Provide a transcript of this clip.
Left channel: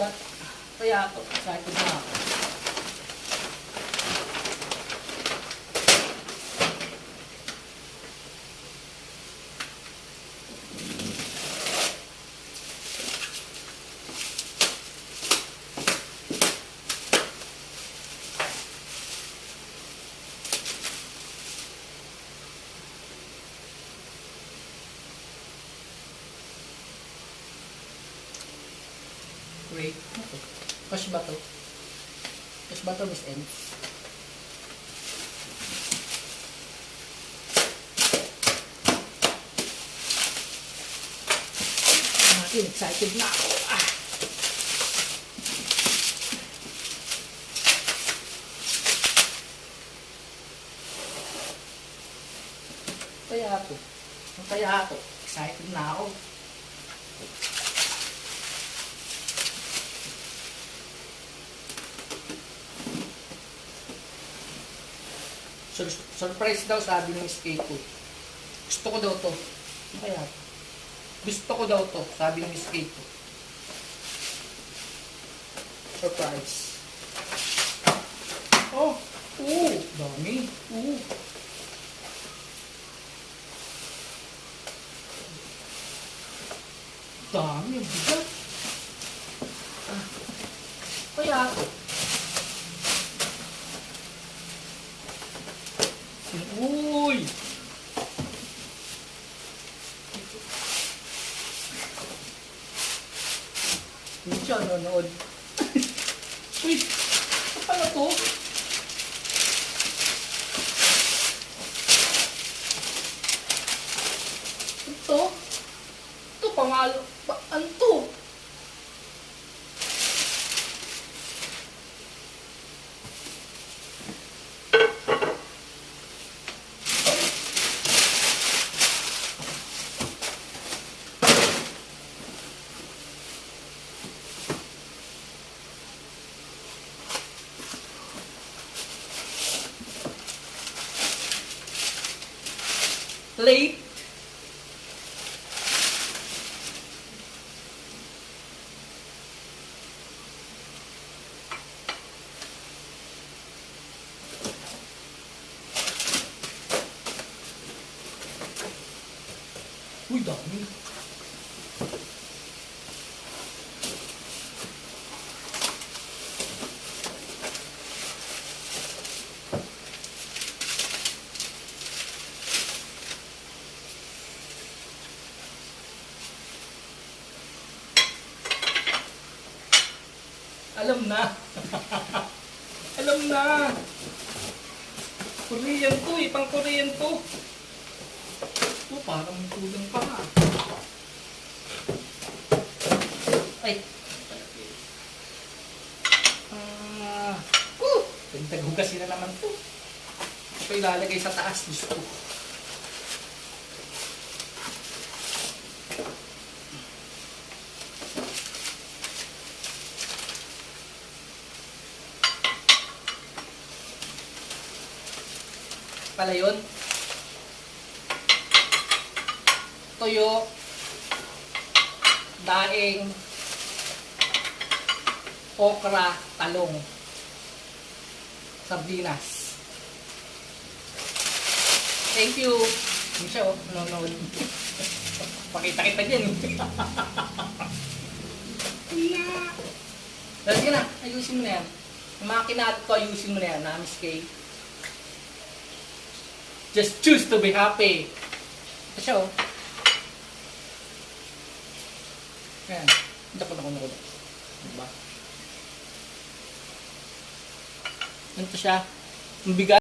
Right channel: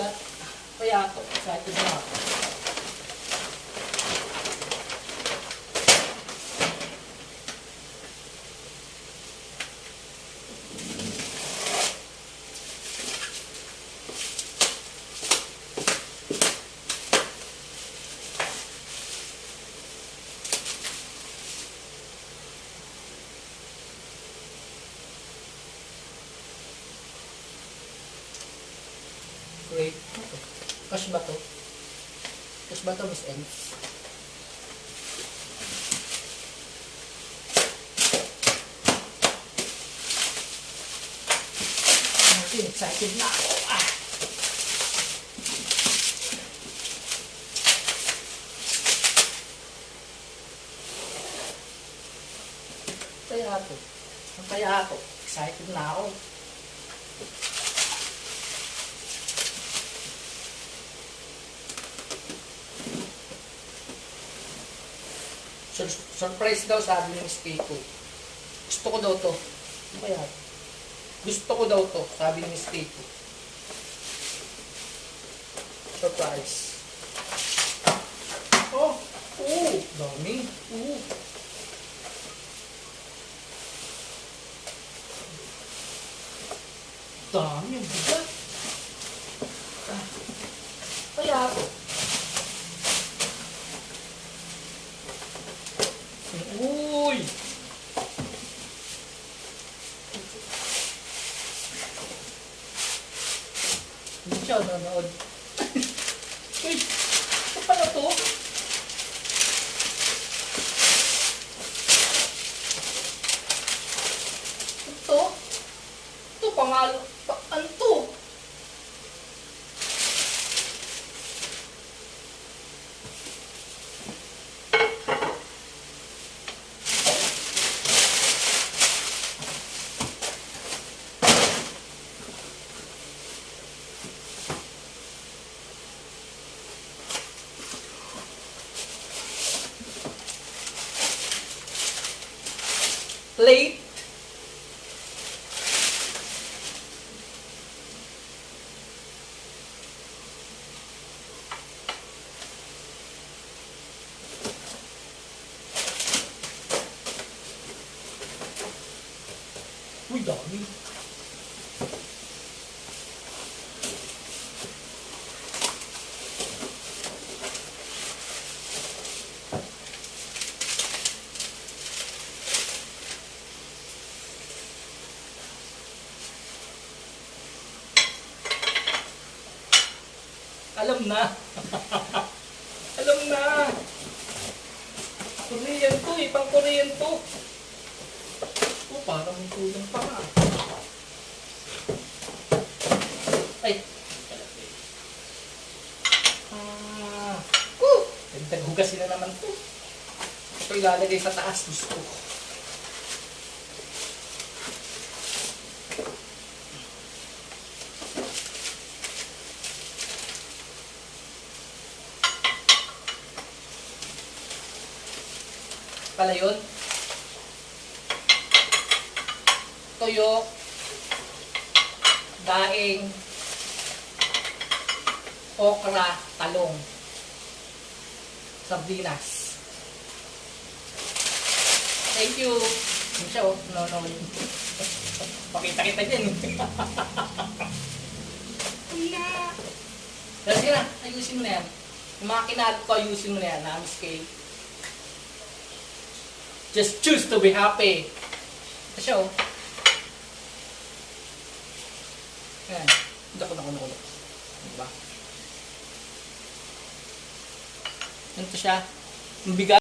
bigat. Kaya ito, excited na ako. Wait, push ba to? Push ba to, Miss Ends? Excited na ako. Kaya ako. Excited na ako. Surprise daw, sabi ni Miss Keiko. Gusto ko daw to. Kaya gusto ko daw to, sabi ni Miss Keiko. Surprise. Oh, dami. Dami yung bigat. Kaya ako. Uy! Hindi siya nanonood. Uy! Ito pala to? Ito? Ito pamalo. Ano to? Plate. Uy, dami. Alam na. Alam na. Korean to eh. Pang Korean to. Parang tulong pa nga. Ay. Dagdag hugasin na naman to. Ito ilalagay sa taas. Gusto. Pala yun. Toyo, daing, okra, talong, sardinas. Thank you. No. Pakita kita dyan. Pero sige na, ayusin mo na yan. Kumakinaat ko, ayusin mo na yan, Miss Kay. Just choose to be happy. Ito siya, Ayan. Naku. Diba? Ano to siya? Yung bigat.